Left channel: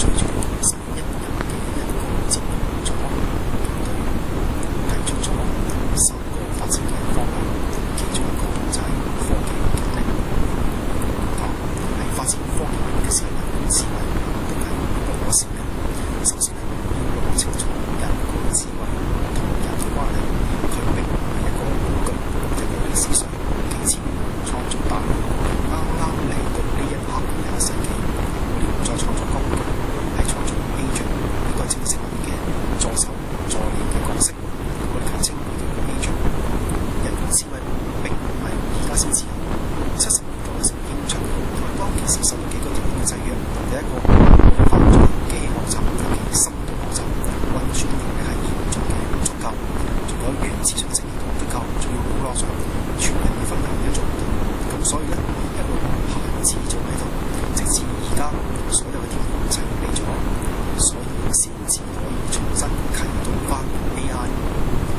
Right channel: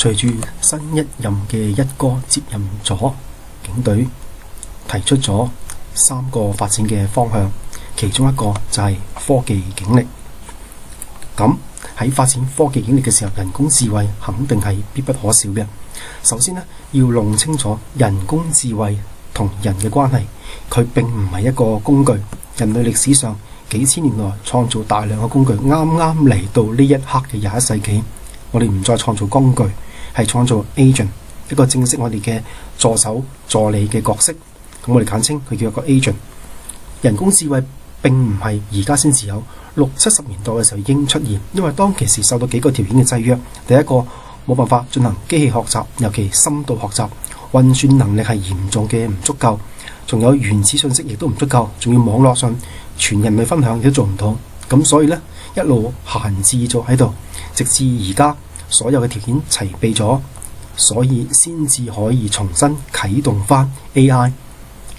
隨住新一任嘅一哥接任咗警隊，提出咗3個發展嘅方向，其中一個就係科技警力。咁喺發展科技警力嘅時候，人工智慧肯定係必不可少嘅。首先呢，要弄清楚人工智慧同人嘅關係，佢並唔係一個工具。人類歷史上幾千年來創造大量嘅工具，啱啱嚟到呢一刻嘅21世紀，我哋唔再創造工具，係創造 agent， 一個正式我哋嘅助手助理嘅角色。咁我哋簡稱佢叫個 agent。人工智慧並唔係而家先至有，60、70年代嘅時候已經出現，因為當其時受到幾個條件嘅制約。第一個，冇辦法進行機器學習，尤其深度學習，運算能力係嚴重嘅唔足夠，仲有原始信息亦都唔足夠，仲要網絡上全人類分享亦都做唔到。咁所以呢，一路閒置咗喺度，直至而家所有嘅條件齊備咗，所以先至可以重新啟動翻 AI。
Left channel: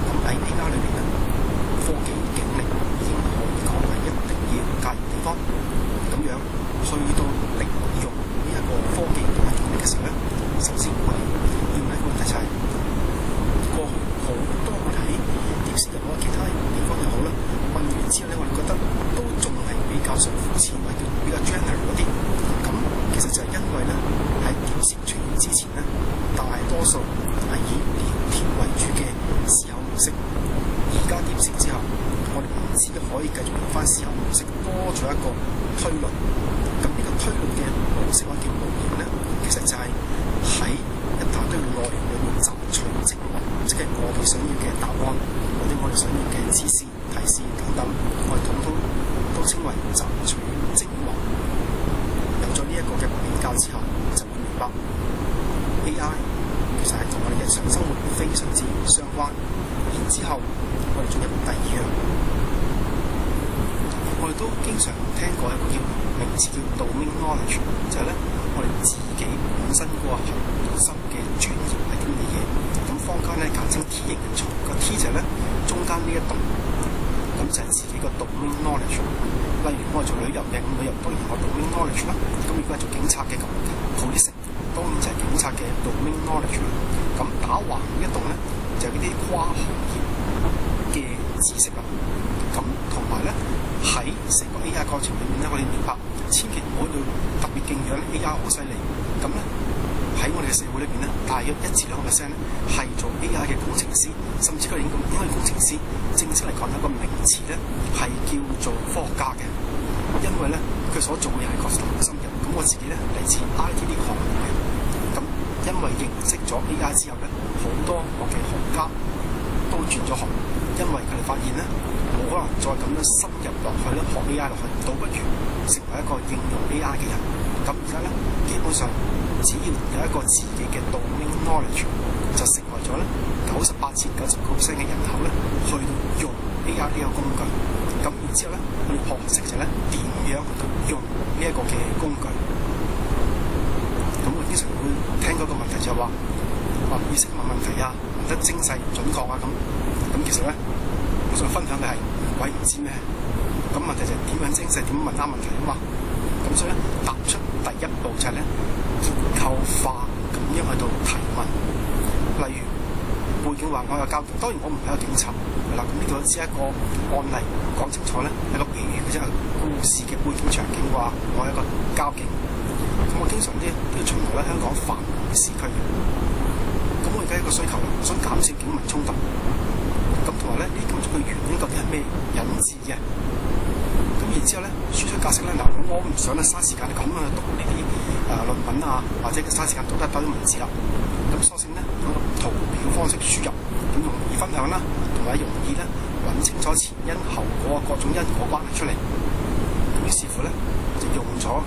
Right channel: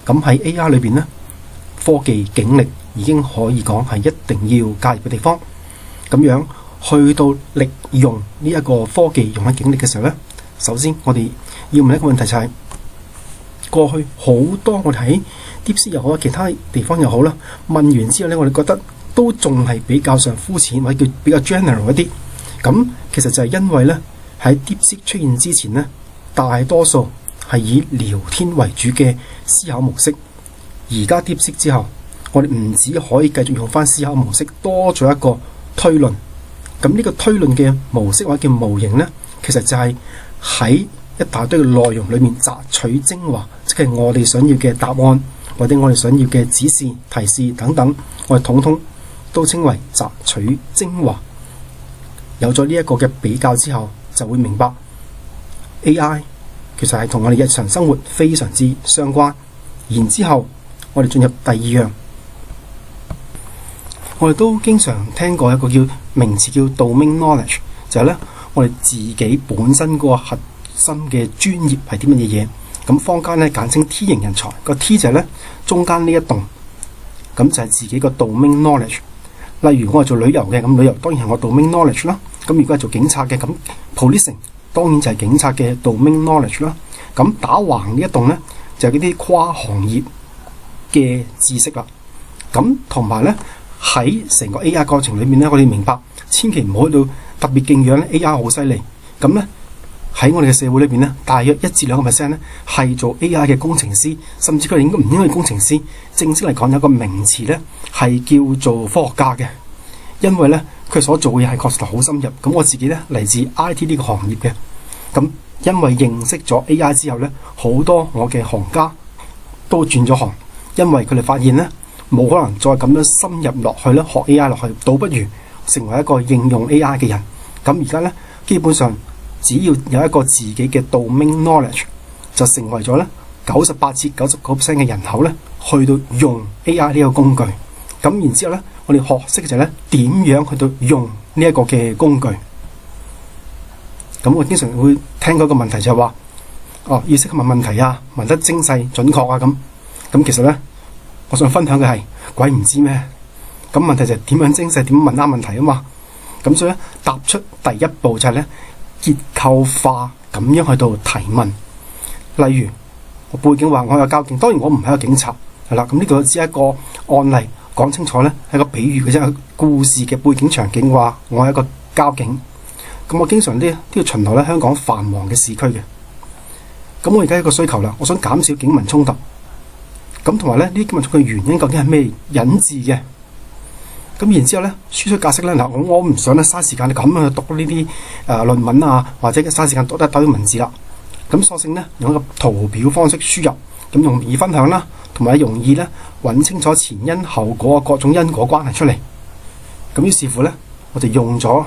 咁喺 AI 裏邊呢，科技警力已經可以講係一定要介入嘅地方。咁樣去到利用呢一個科技用喺警力嘅時候呢，首先我哋要問一個問題就係，過去好多我哋喺 DeepSeek 又好，其他地方又好啦，問完之後呢，我哋覺得都仲係比較上膚淺，或者叫比較 general 一啲。咁其實就係因為呢，喺 DeepSeek 出現之前呢，大多數係以聊天為主嘅思考模式。而家 DeepSeek 之後，我哋唔止可以繼續用翻思考模式，多咗一個推論。咁呢個推論嘅模式或者叫模型呢，其實就係喺一大堆嘅內容裏面摘取精華，即係我哋想要嘅答案，或者我哋想要嘅指示、提示等等，我哋統統都稱為摘取精華。有咗呢一個嘅比較之後，就會明白 AI 其實係同我哋日常生活非常之相關。然之後我哋進入第二樣，我哋都經常聽過一個名詞叫 domain knowledge， 就係咧我哋自己本身個核心嘅專業係啲乜嘢嘢。咁坊間咧簡稱 T 型人才，個 T 就係咧中間呢一棟，咁就係自己個 domain knowledge。例如我係做旅遊嘅，咁旅遊當然係我 domain knowledge 啦。咁如果係做警察嘅，咁 policing 當然就係警察嘅 domain knowledge 啦。咁打橫呢一棟咧就係嗰啲跨行業嘅知識啦。咁同埋咧喺成個 AI 過程裏面咧，我哋明白千祈唔好去到特別敬仰 AI 好犀利。咁咧喺我哋嘅社會裏邊咧，大約1至2% 咧係做 AI 嘅工程師，甚至佢哋應該唔應該係工程師。正式嚟講有個名詞咧係叫做科學家嘅，因為咧佢所做嘅嘢係確實好深入。咁我自己咧嚟自 IT 呢個行業嘅，咁因為認識咗 AI 之後咧，好多我嘅行家都轉咗行，因為佢哋發現咧冇可能再咁樣深入落去咧學 AI 落去，倒不如成為一個應用 AI 嘅人。咁而家咧基本上只要有一個自己嘅 domain knowledge， 就成為咗咧98至99% 嘅人口咧去到用 AI 呢個工具。咁然之後咧，我哋學識就係咧點樣去到用呢一個嘅工具。咁我經常會聽嗰個問題就係話，要識問問題啊，問得精細準確啊咁。咁其實咧，我想分享嘅係鬼唔知咩。咁問題就係點樣精細，點樣問啱問題啊嘛。咁所以咧，踏出第一步就係咧結構化咁樣去到提問。例如背景話我有交警，當然我唔係一個警察，係啦。咁呢度只係一個案例，講清楚咧係一個比喻嘅啫，故事嘅背景場景話我係一個交警。咁我經常都要巡邏咧香港繁忙嘅市區嘅。咁我而家一個需求啦，我想減少警民衝突。咁同埋咧呢啲警民衝突嘅原因究竟係咩引致嘅？咁然之後咧輸出格式咧，嗱我唔想咧嘥時間你咁樣去讀呢啲論文啊，或者嘥時間讀一大堆文字啦。咁索性咧用一個圖表方式輸入，咁容易分享啦，同埋容易咧揾清楚前因後果各種因果關係出嚟。咁於是乎咧，我就用咗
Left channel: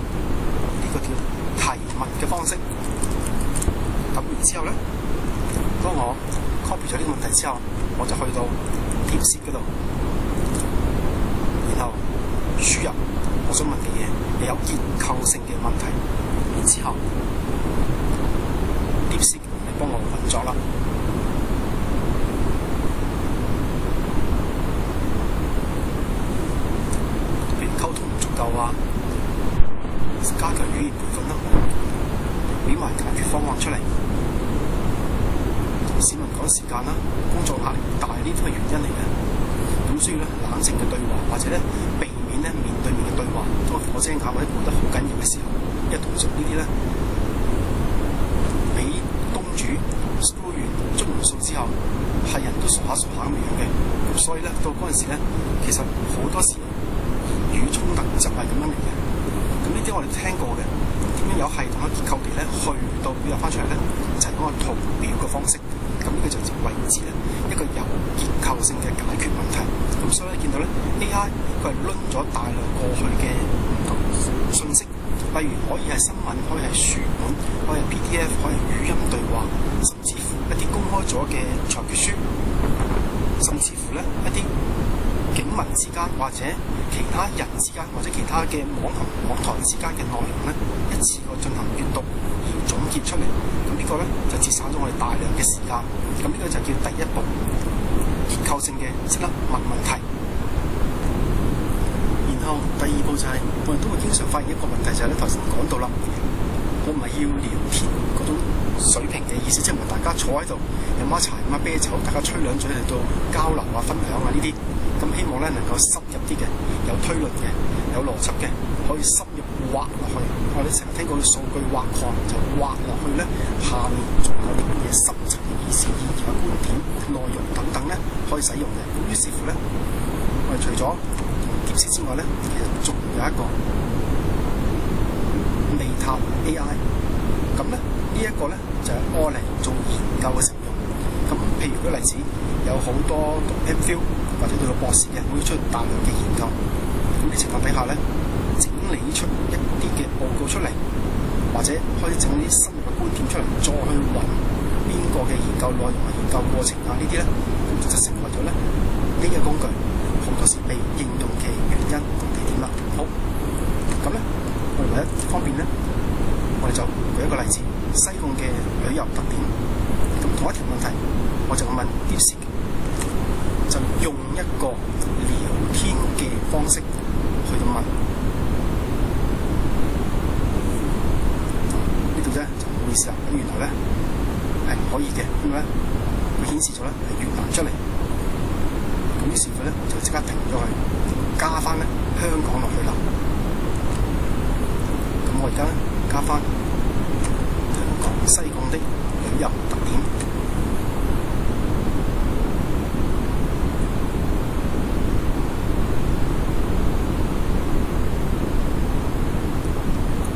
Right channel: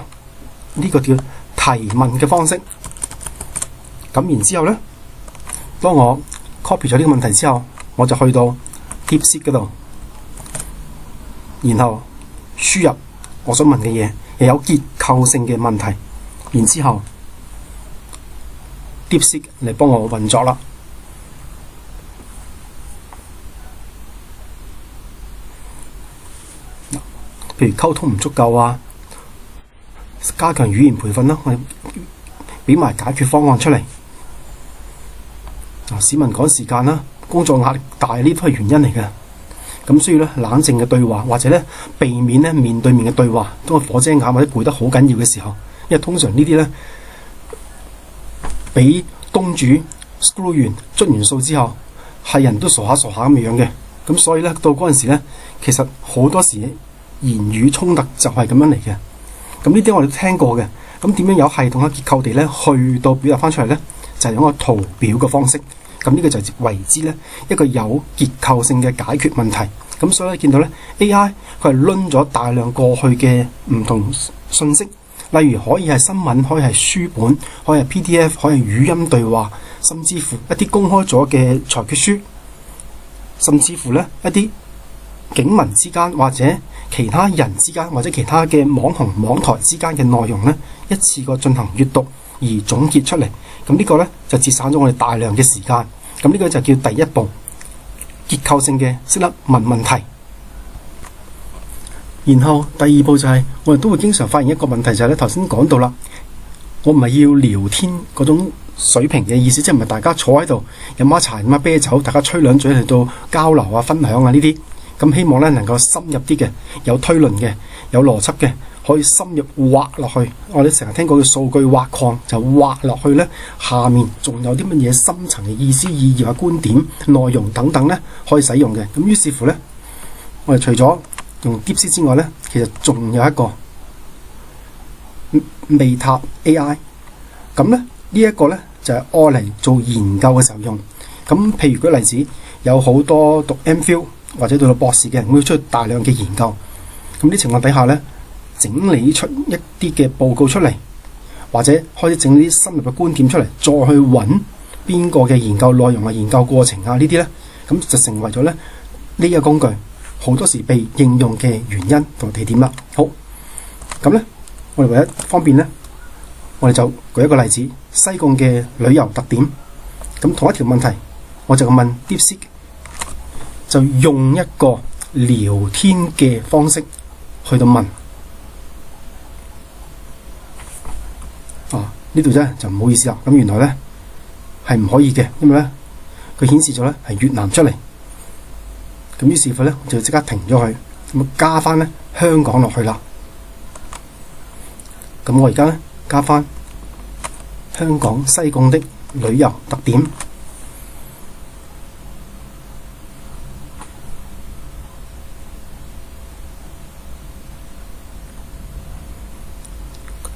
呢個叫提問嘅方式。咁然之後咧，當我 copy 咗呢個問題之後，我就去到 DeepSeek 嗰度，然後輸入我想問嘅嘢，又有結構性嘅問題，然之後 DeepSeek 嚟幫我運作啦。譬如溝通唔足夠啊，加強語言培訓啦。俾埋解決方案出嚟。同市民趕時間啦，工作壓力大，呢都係原因嚟嘅。咁需要咧冷靜嘅對話，或者咧避免咧面對面嘅對話。當個火遮眼或者攰得好緊要嘅時候，因為通常呢啲咧俾東主 screw 完捽完數之後，係人都傻下咁樣嘅。咁所以咧到嗰陣時咧，其實好多時言語衝突就係咁樣嚟嘅。咁呢啲我哋都聽過嘅。咁點樣有系統嘅結構地咧去到表達翻出嚟咧？就係用個圖表嘅方式。咁呢個就為之咧一個有結構性嘅解決問題。咁所以咧見到咧 AI 佢係攆咗大量過去嘅唔同信息，例如可以係新聞，可以係書本，可以係 PDF，可以係語音對話，甚至乎一啲公開咗嘅裁決書，甚至乎咧一啲警民之間或者其他人之間或者其他嘅網紅網台之間嘅內容咧，一次過進行閱讀而總結出嚟。咁呢個咧就節省咗我哋大量嘅時間。咁呢個就叫第一步，結構性嘅識得問問題。然後第二步就係我哋都會經常發現一個問題，就係咧頭先講到啦，我唔係要聊天嗰種水平嘅意思，即係唔係大家坐喺度飲下茶飲下啤酒，大家吹兩嘴嚟到交流啊、分享啊呢啲。咁希望咧能夠深入啲嘅，有推論嘅，有邏輯嘅，可以深入挖落去。我哋成日聽過嘅數據挖礦，就挖落去咧，下面仲有啲乜嘢深層嘅意思、意義啊、觀點、內容等等咧，可以使用嘅。咁於是乎咧，我哋除咗用 DeepSeek 之外咧，其實仲有一個Meta AI。咁咧呢一個咧就係愛嚟做研究嘅時候用。咁譬如舉例子，有好多讀 MPhil 或者到博士嘅人會出大量嘅研究。咁啲情況底下咧，整理出一啲嘅報告出嚟，或者開始整啲深入嘅觀點出嚟，再去揾邊個嘅研究內容啊、研究過程啊呢啲咧，咁就成為咗咧呢個工具好多時被應用嘅原因同地點啦。好，咁咧我哋為咗方便咧，我哋就舉一個例子，西貢嘅旅遊特點。咁同一條問題，我就問 DeepSeek，就用一個聊天嘅方式去到問。呢度咧就唔好意思啦。咁原來咧係唔可以嘅，因為咧佢顯示咗咧係越南出嚟。咁於是乎咧就即刻停咗佢，咁加翻咧香港落去啦。咁我而家咧加翻香港西貢的旅遊特點，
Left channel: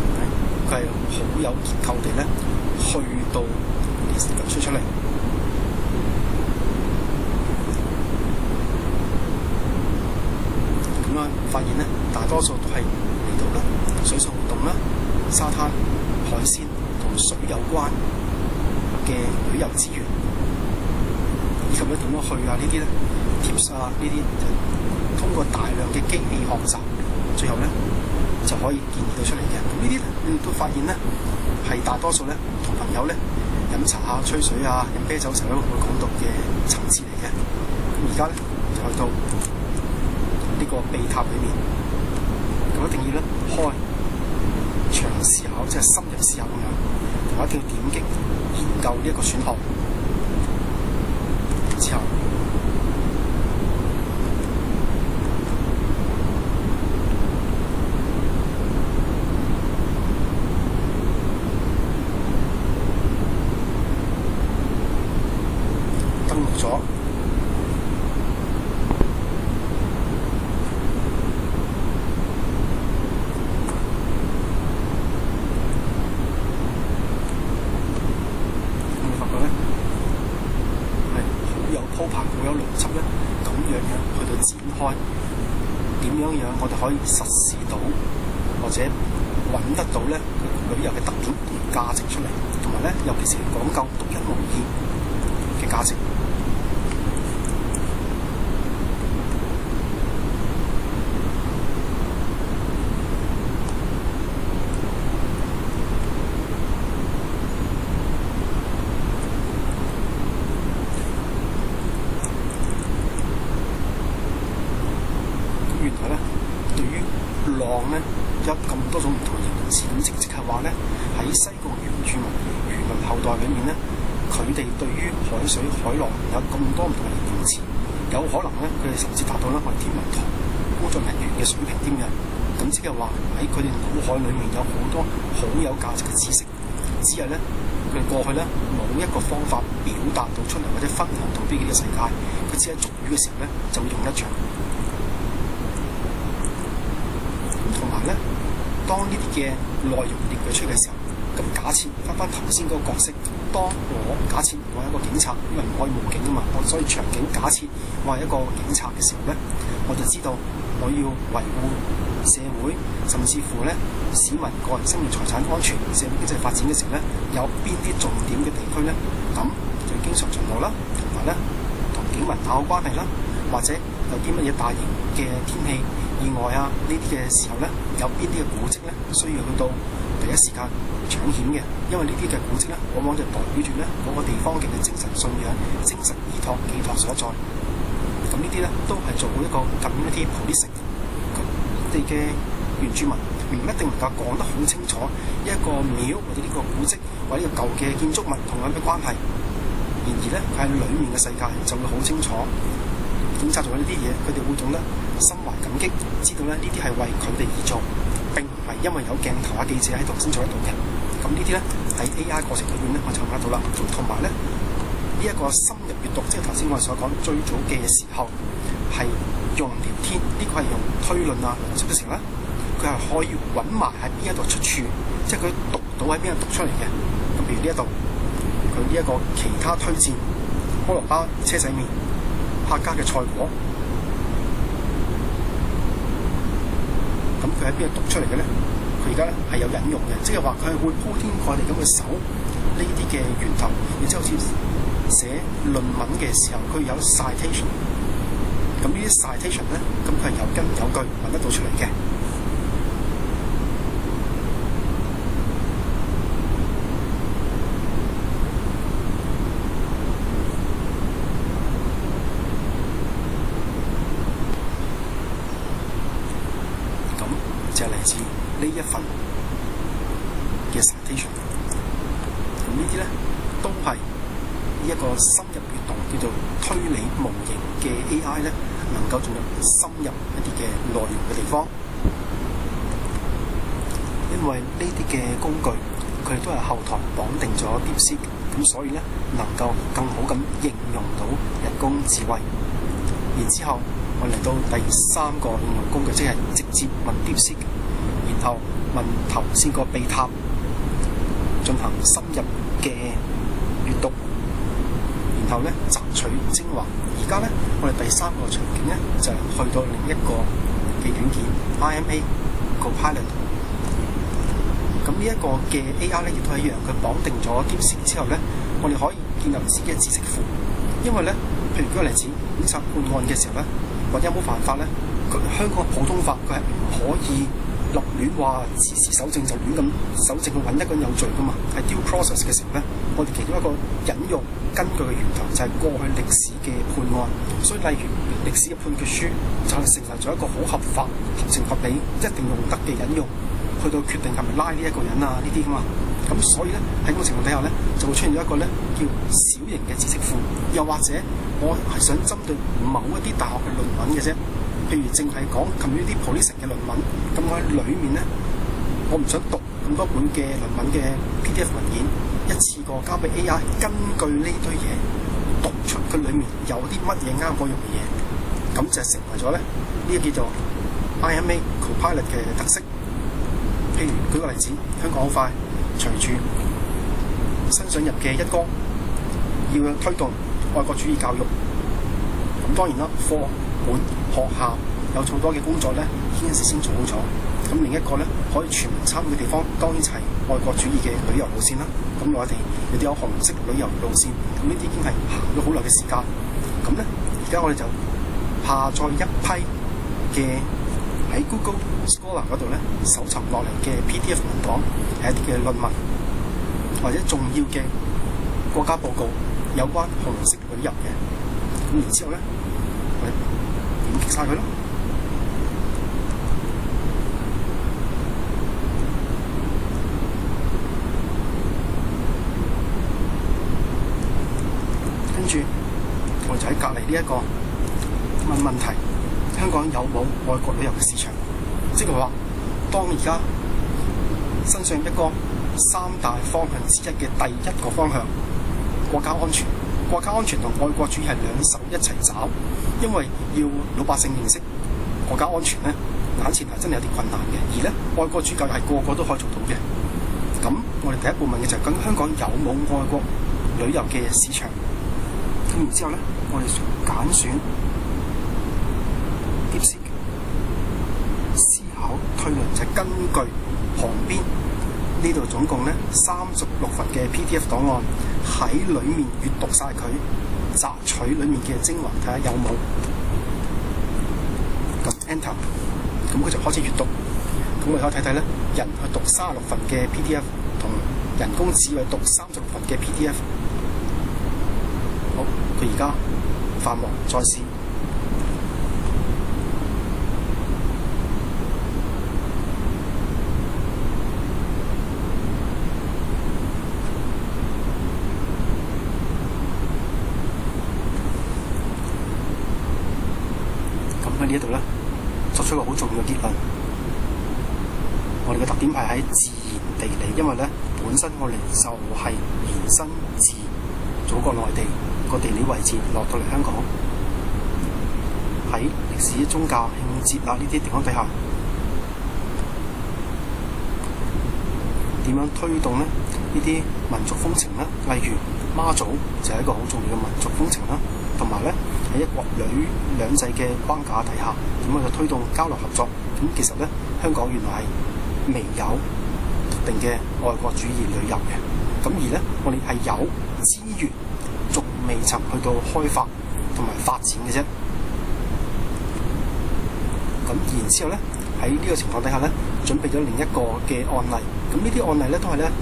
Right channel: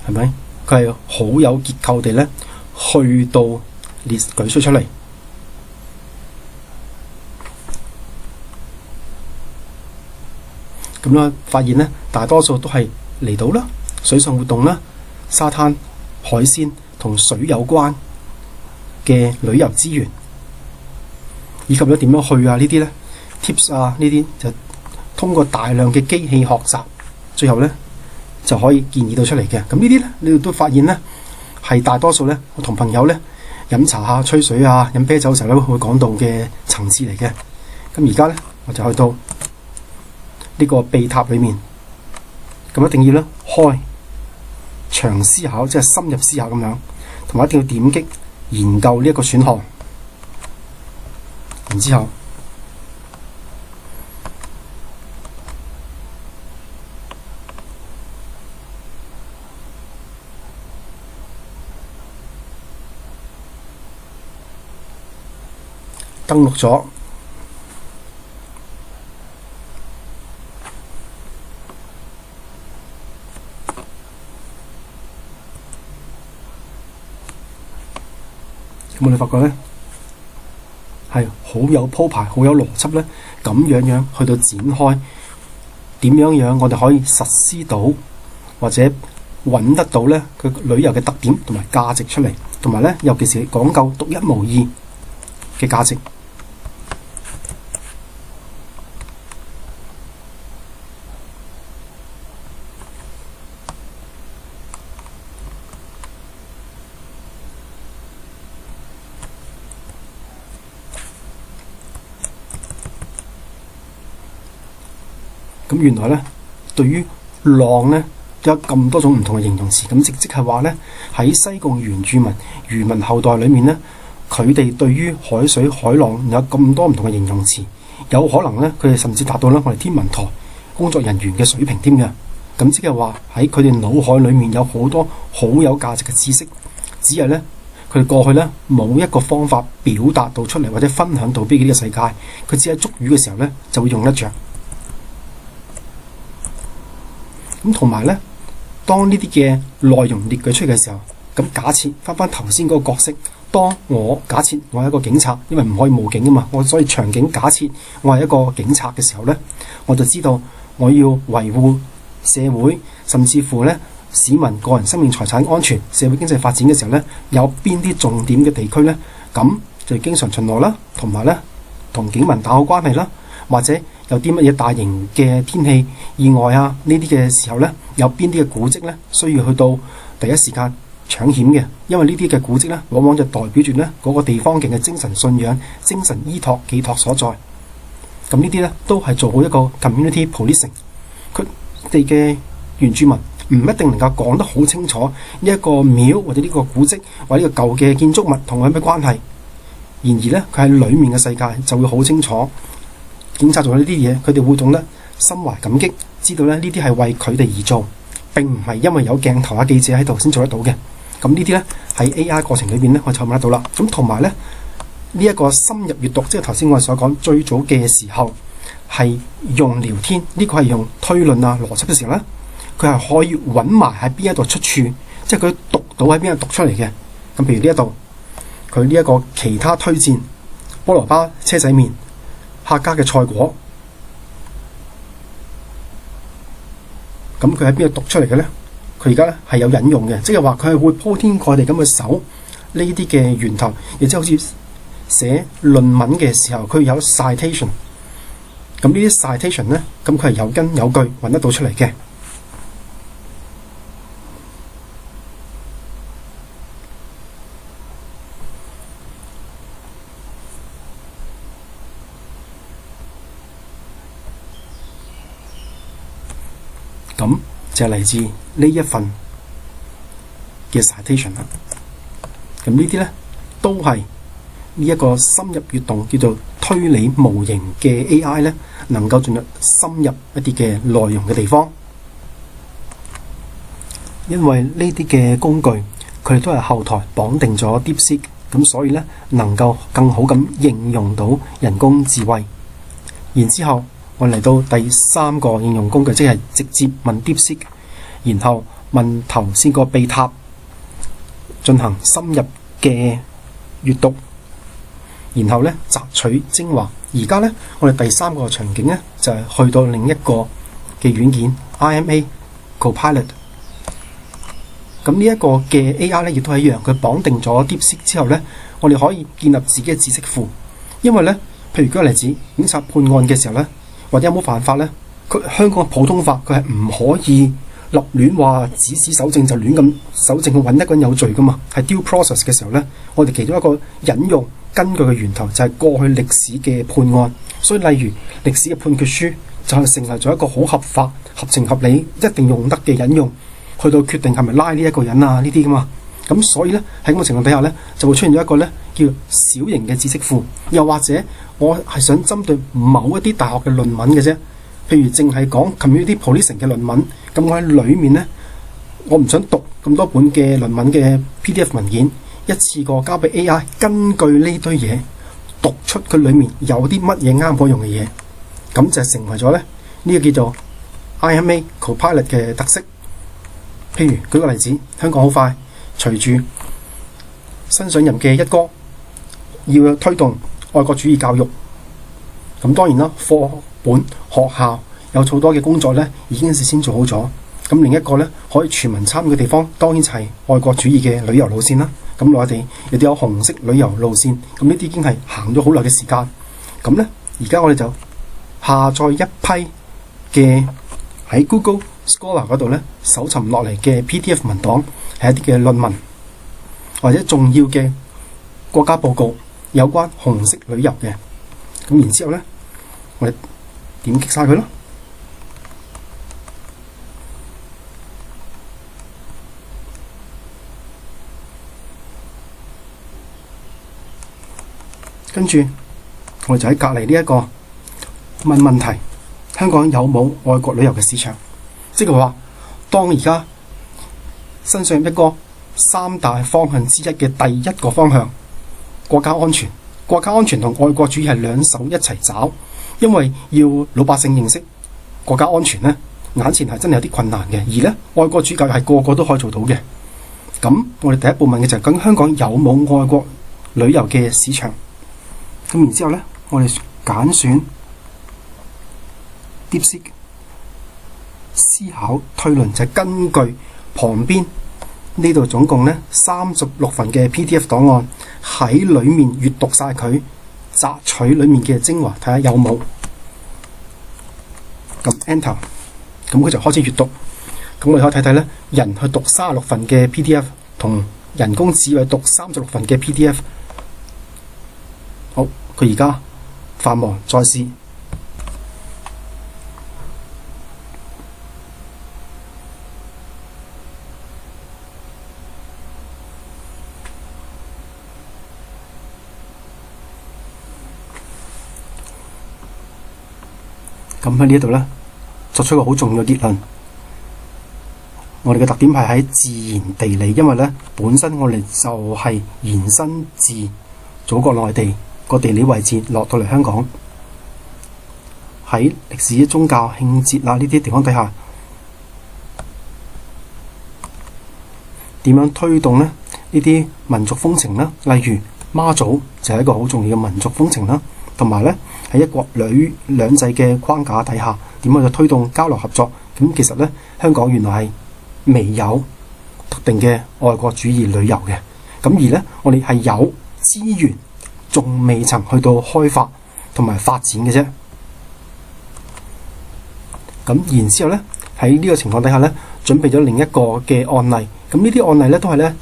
係咪？佢係好有結構地咧，去到列舉出嚟。咁咧，發現咧，大多數都係離島啦、水上活動啦、沙灘、海鮮同水有關嘅旅遊資源，以及咧點樣去啊呢啲咧 tips 啊呢啲，就通過大量嘅機器學習，最後咧就可以建議到出嚟嘅。咁呢啲咧，你哋都發現咧，係大多數咧，我同朋友咧飲茶啊、吹水啊、飲啤酒嘅時候咧，會講到嘅層次嚟嘅。咁而家咧，我就去到呢個秘塔裏面，咁一定要咧開長思考，即係深入思考咁樣，同埋一定要點擊研究呢一個選項，然之後登錄咗。我哋發覺咧係好有鋪排、好有邏輯咧，咁樣去到展開點樣我哋可以實施到或者揾得到咧佢旅遊嘅特點同埋價值出嚟，同埋咧尤其是講究獨一無二嘅價值。咁原來咧，對於浪咧有咁多種唔同嘅形容詞。咁即係話咧，喺西貢原住民漁民後代裏面咧，佢哋對於海水海浪有咁多唔同嘅形容詞，有可能咧佢哋甚至達到咧我哋天文台工作人員嘅水平添嘅。咁即係話喺佢哋腦海裏面有好多好有價值嘅知識，只係咧佢哋過去咧冇一個方法表達到出嚟，或者分享到俾呢個世界。佢只係捉魚嘅時候咧就會用得着。咁同埋咧，當呢啲嘅內容列舉出嚟嘅時候，咁假設翻頭先嗰個角色，當我假設我係一個警察，因為唔可以冒警啊嘛，我所以場景假設我係一個警察嘅時候咧，我就知道我要維護社會，甚至乎咧市民個人生命財產安全、社會經濟發展嘅時候咧，有邊啲重點嘅地區咧，咁就經常巡邏啦，同埋咧同警民打好關係啦，或者有啲乜嘢大型嘅天氣意外啊呢啲嘅時候咧，有邊啲嘅古蹟咧需要去到第一時間搶險嘅，因為呢啲嘅古蹟咧往往就代表住咧嗰個地方嘅精神信仰、精神依託寄託所在。咁呢啲咧都係做好一個 community policing。佢哋嘅原住民唔一定能夠講得好清楚呢一個廟或者呢個古蹟或者呢個舊嘅建築物同佢有咩關係。然而咧，佢喺裡面嘅世界就會好清楚。警察做呢啲嘢，佢哋會懂得心懷感激，知道咧呢啲係為佢哋而做，並唔係因為有鏡頭啊記者喺度先做得到嘅。咁呢啲咧喺 AI 過程裏邊咧，我就揾得到啦。咁同埋咧呢一個深入閱讀，即係頭先我哋所講最早嘅時候係用聊天，呢個係用推論啊邏輯嘅時候咧，佢係可以揾埋喺邊一度出處，即係佢讀到喺邊度讀出嚟嘅。咁譬如呢一度，佢呢一個其他推薦菠蘿巴車仔麵客家嘅菜果，咁佢喺邊度讀出嚟嘅咧？佢而家咧係有引用嘅，即係話佢係會鋪天蓋地咁去搜呢啲嘅源頭，亦即係好似寫論文嘅時候，佢有 citation。咁呢啲 citation 咧，咁佢係有根有據揾得到出嚟嘅。咁就係嚟自呢一份嘅 citation 啦。咁呢啲咧都係呢一個深入閱讀叫做推理模型嘅 AI 咧，能夠進入深入一啲嘅內容嘅地方。因為呢啲嘅工具佢哋都係後台綁定咗 DeepSeek，咁所以咧能夠更好咁應用到人工智慧。然之後我嚟到第三個應用工具，即係直接問 DeepSeek，然後問頭先個秘塔，進行深入嘅閱讀，然後咧摘取精華。而家咧我哋第三個場景咧就係去到另一個嘅軟件 IMA Copilot。咁呢一個嘅 AI 咧亦都係一樣，佢綁定咗 DeepSeek 之後咧，我哋可以建立自己嘅知識庫。因為咧，譬如舉個例子，警察判案嘅時候咧，或者有冇犯法咧？香港嘅普通法佢係唔可以立亂話指使搜證就亂咁搜證去揾一個人有罪噶嘛。係 due process 嘅時候咧，我哋其中一個引用根據嘅源頭就係過去歷史嘅判案。所以例如歷史嘅判決書就係成為咗一個好合法、合情合理、一定用得嘅引用，去到決定係咪拉呢一個人啊呢啲噶嘛。咁所以咧喺咁嘅情況底下咧，就會出現咗一個咧叫小型嘅知識庫，又或者我係想針對某一啲大學嘅論文嘅啫，譬如淨係講 community policing 嘅論文，咁我喺裡面咧，我唔想讀咁多本嘅論文嘅 PDF 文件，一次過交俾 AI， 根據呢堆嘢讀出佢裡面有啲乜嘢啱我用嘅嘢，咁就成為咗咧呢個叫做 IMA Copilot 嘅特色。譬如舉個例子，香港好快隨住新上任嘅一哥要推動愛國主義教育，咁當然啦，課本學校有好多嘅工作咧已經事先做好咗。咁另一個咧可以全民參與嘅地方，當然就係愛國主義嘅旅遊路線啦。咁內地亦都有紅色旅遊路線，咁呢啲已經係行咗好耐嘅時間。咁咧而家我哋就下載一批嘅喺 Google Scholar 嗰度咧搜尋落嚟嘅 PDF 文檔，係一啲嘅論文或者重要嘅國家報告有關紅色旅遊嘅。咁然之後咧，我哋點擊晒佢咯。跟住我哋就喺隔離呢一個問題：香港有冇外國旅遊嘅市場？即係話，當而家身上一個三大方向之一嘅第一個方向，國家安全。國家安全同愛國主義係兩手一齊找，因為要老百姓認識國家安全呢，眼前係真係有啲困難嘅。而呢，愛國主義係個個都可以做到嘅。咁我哋第一步問嘅就係：究竟香港有冇外國旅遊嘅市場？咁然之後呢，我哋揀選 DeepSeek 思考推論，就係根據旁邊呢度總共呢36份嘅 PDF 檔案，喺裡面閱讀晒佢，摘取裡面嘅精華，睇下有冇。咁 Enter， 咁佢就開始閱讀。咁我哋可以睇睇咧，人去讀36份嘅 PDF 同人工智慧讀36份嘅 PDF。好，佢而家繁忙，再試。咁喺呢一度咧，作出一個好重要嘅結論。我哋嘅特點係喺自然地理，因為咧本身我哋就係延伸自祖國內地個地理位置落到嚟香港，喺歷史、宗教、慶節啊呢啲地方底下，點樣推動咧呢啲民族風情啦？例如媽祖就係一個好重要嘅民族風情啦，同埋咧喺一國兩制嘅框架底下，點樣去推動交流合作？咁其實咧，香港原來係未有特定嘅愛國主義旅遊嘅。咁而咧，我哋係有資源，仲未曾去到開發同埋發展嘅啫。咁然之後咧，喺呢個情況底下咧，準備咗另一個嘅案例。咁呢啲案例咧都係咧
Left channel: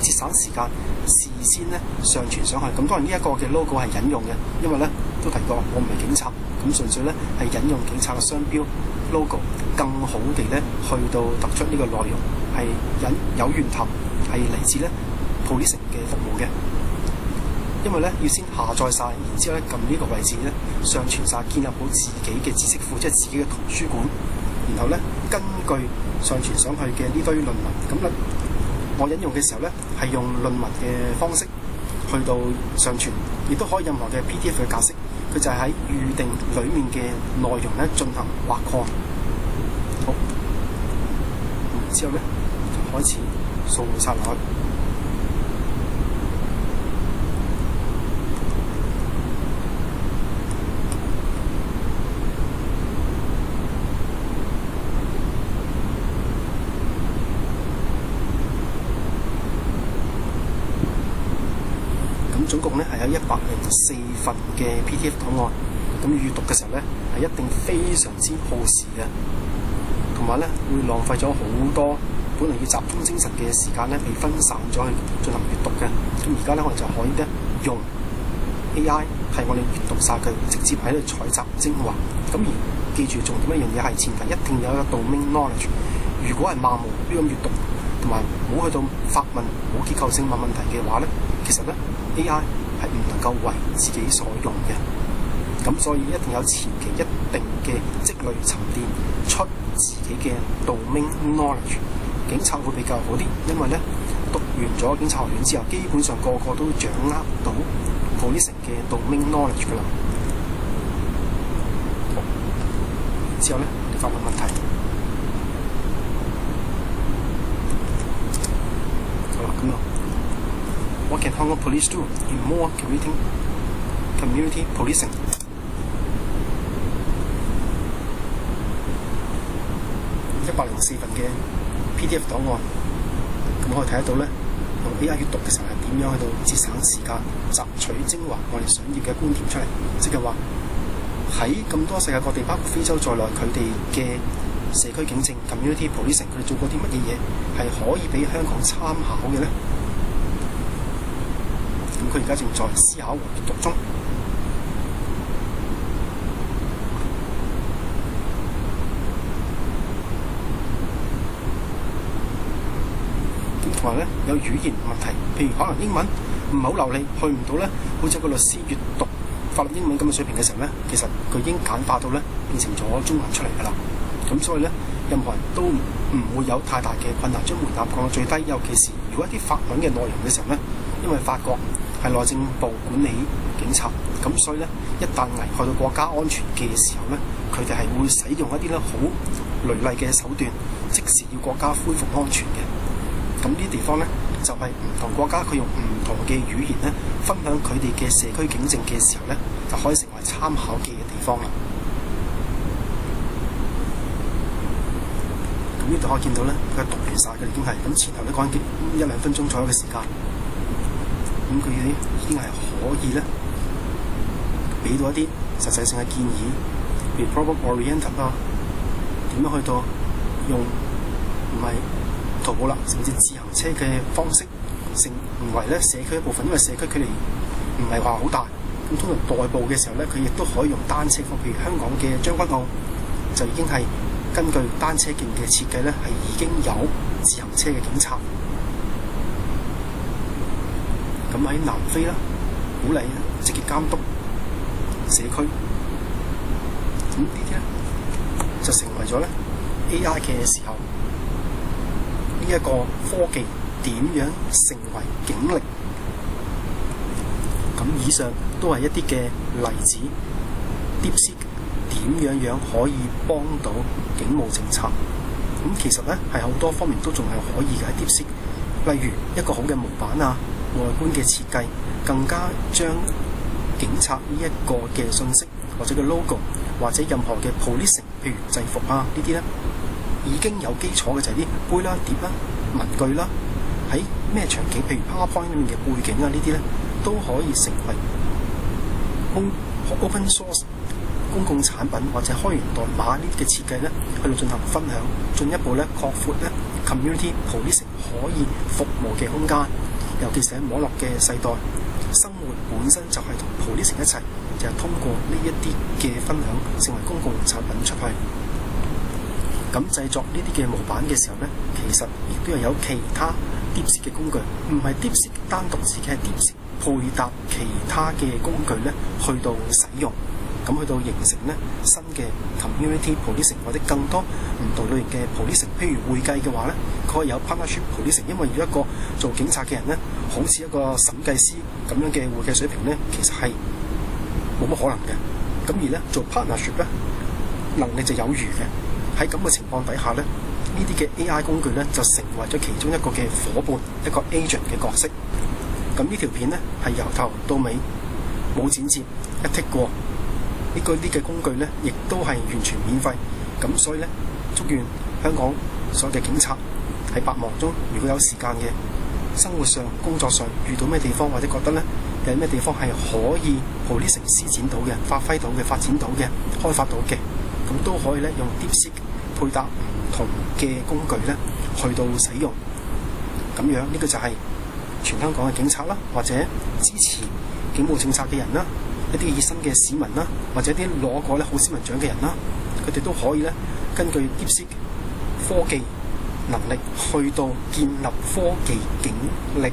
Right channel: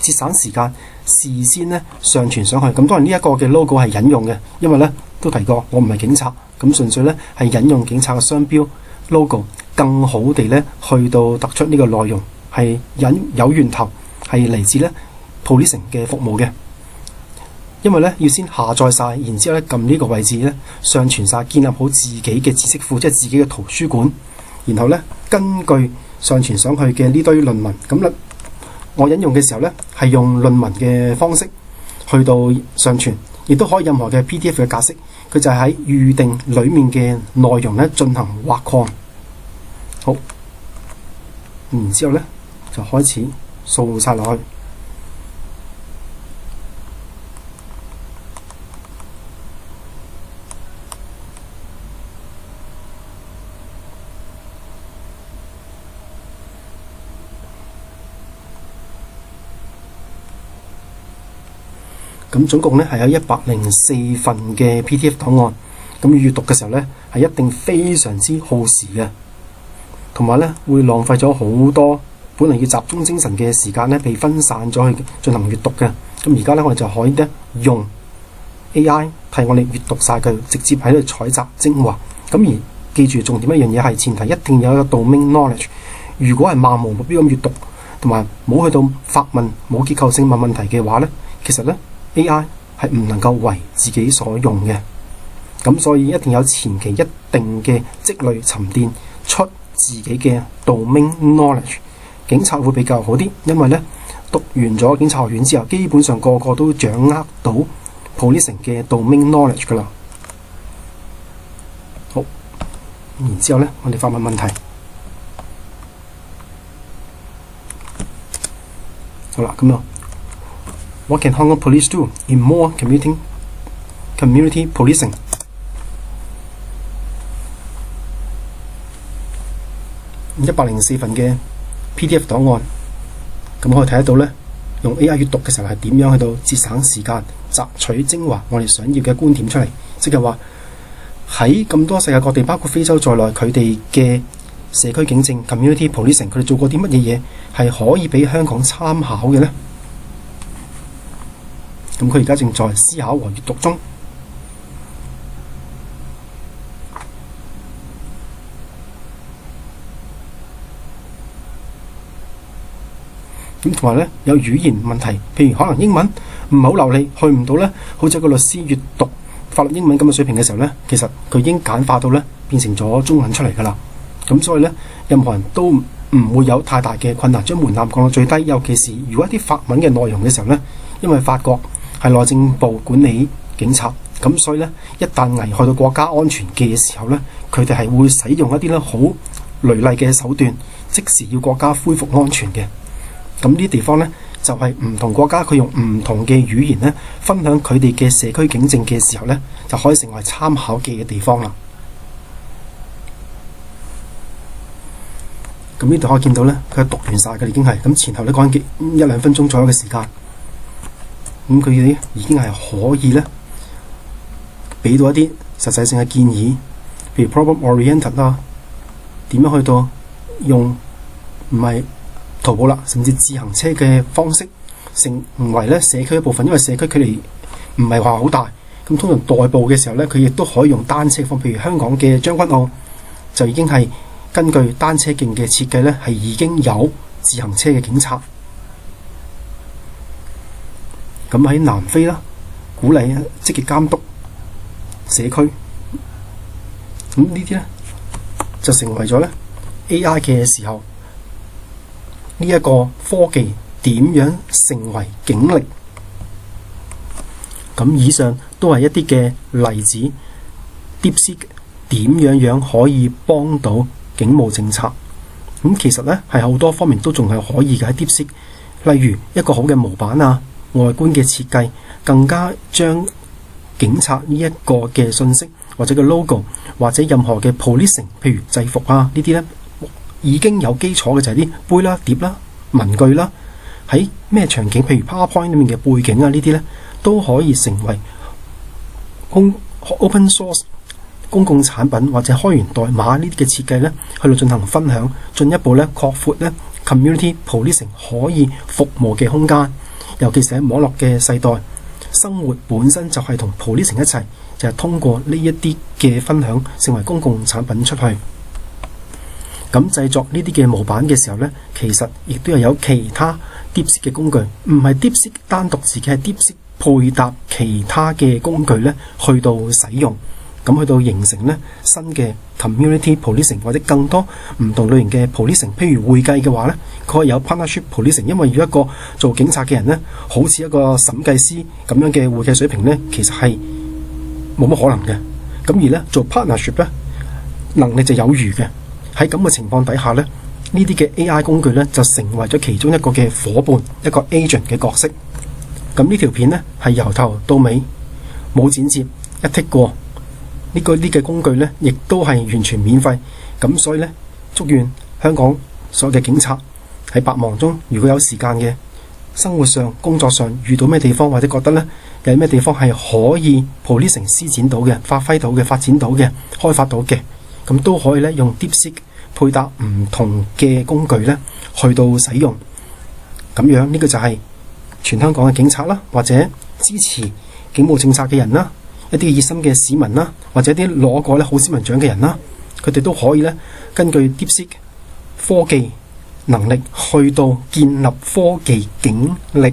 節省時間，事先咧上傳上去。咁當然呢一個嘅 logo 係引用嘅，因為咧都提過我唔係警察，咁純粹咧係引用警察嘅商標 logo， 更好地咧去到突出呢個內容係有源頭，係嚟自咧 Policing 嘅服務嘅。因為咧要先下載晒，然之後咧撳呢個位置咧上傳晒，建立好自己嘅知識庫，即係自己嘅圖書館。然後咧根據上傳上去嘅呢堆論文，咁咧我引用嘅時候咧係用論文嘅方式去到上傳，亦都可以任何嘅 PDF 嘅格式。佢就係喺預定裡面嘅內容咧進行挖礦。好，然之後咧就開始掃晒落去。咁總共咧係有104份嘅 PDF 檔案，咁閱讀嘅時候咧係一定非常之耗時嘅，同埋咧會浪費咗好多本嚟要集中精神嘅時間咧，被分散咗去進行閱讀嘅。咁而家咧我哋就可以咧用 AI 替我哋閱讀晒佢，直接喺度採集精華。咁而記住重點一樣嘢係前提，一定要有一個 domain knowledge。如果係漫無目標咁閱讀，同埋冇去到發問、冇結構性問問題嘅話咧，其實咧AI 係唔能夠為自己所用嘅。咁所以一定有前期一定嘅積累沉澱出自己嘅 domain knowledge。警察會比較好啲，因為咧讀完咗警察學院之後，基本上個個都掌握到 Policing 嘅 domain knowledge 噶啦。好，然之後咧我哋發問問題。好啦，咁啊，What can Hong Kong police do in more community policing？ 104份嘅 PDF 檔案，咁可以睇得到咧，用 AI 閱讀嘅時候係點樣去到節省時間、摘取精華我哋想要嘅觀點出嚟。即係話喺咁多世界各地，包括非洲在內，佢哋嘅社區警政 community policing， 佢哋做過啲乜嘢嘢係可以俾香港參考嘅呢？咁佢而家正在思考和閱讀中。咁同埋咧有語言問題，譬如可能英文唔係好流利，去唔到呢好似一個律師閱讀法律英文咁嘅水平嘅時候呢，其實佢已經簡化到呢變成咗中文出嚟㗎啦。咁所以呢，任何人都唔會有太大嘅困難，將門檻降到最低。尤其是如果一啲法文嘅內容嘅時候呢，因為法國係內政部管理警察，咁所以呢，一旦危害到國家安全嘅時候呢，佢哋係會使用一啲呢好雷厲嘅手段，即時要國家恢復安全嘅。咁呢啲地方呢，就係唔同國家佢用唔同嘅語言呢分享佢哋嘅社區警政嘅時候呢，就可以成為參考嘅地方啦。咁呢度可以見到呢，佢讀完晒嘅已經係咁，前後呢講緊一兩分鐘左右嘅時間。咁佢哋已經係可以呢俾到一啲實際性嘅建議，譬如 problem oriented 啦，點樣去到用唔係徒步啦，甚至自行車嘅方式成為咧社區一部分，因為社區距離唔係話好大，咁通常代步嘅時候咧，佢亦都可以用單車方，譬如香港嘅將軍澳就已經係根據單車徑嘅設計咧，係已經有自行車嘅警察。咁喺南非啦，鼓勵積極監督社區，咁呢啲咧就成為咗咧 AI 嘅時候，呢一個科技點樣成為警力？咁以上都係一啲嘅例子。DeepSeek 點樣可以幫到警務政策？咁其實咧係好多方面都仲係可以嘅喺 DeepSeek，例如一個好嘅模板啊、外觀嘅設計，更加將警察呢一個嘅信息或者個 logo 或者任何嘅 policing， 譬如制服啊呢啲咧，已經有基礎嘅就係啲杯啦、碟啦、文具啦，喺咩場景，譬如 PowerPoint 裏面嘅背景啊呢啲咧，都可以成為open source 公共產品或者開源代碼呢啲嘅設計咧，去到進行分享，進一步咧擴闊咧 community policing 可以服務嘅空間。尤其是喺網絡嘅世代，生活本身就係同 policing 一齊，就係通過呢一啲嘅分享成為公共產品出去。咁製作呢啲嘅模板嘅時候呢，其實亦都係有其他 DeepSeek 嘅工具，唔係 DeepSeek 單獨自己，係 DeepSeek 配搭其他嘅工具呢去到使用，咁去到形成呢新嘅 community policing 或者更多唔同類型嘅 policing。譬如會計嘅話呢，佢可以有 partnership policing， 因為如果一個做警察嘅人呢，好似一個審計師咁樣嘅會計水平呢，其實係冇乜可能嘅。咁而呢做 partnership 呢，能力就有餘嘅。喺咁嘅情況底下呢，呢啲嘅 AI 工具呢，就成為咗其中一個嘅夥伴，一個 agent 嘅角色。咁呢條片呢，係由頭到尾冇剪接，一剔過。呢啲嘅工具呢，亦都係完全免費。咁所以呢，祝願香港所有嘅警察喺百忙中，如果有時間嘅生活上、工作上遇到咩地方，或者覺得呢有咩地方係可以 policing 施展到嘅、發揮到嘅、發展到嘅、開發到嘅，咁都可以呢用 DeepSeek 配搭唔同嘅工具呢去到使用。咁樣呢個就係全香港嘅警察啦，或者支持警務政策嘅人啦，一啲熱心嘅市民啦，或者啲攞過咧好市民獎嘅人啦，佢哋都可以咧根據 DeepSeek 科技能力去到建立科技警力。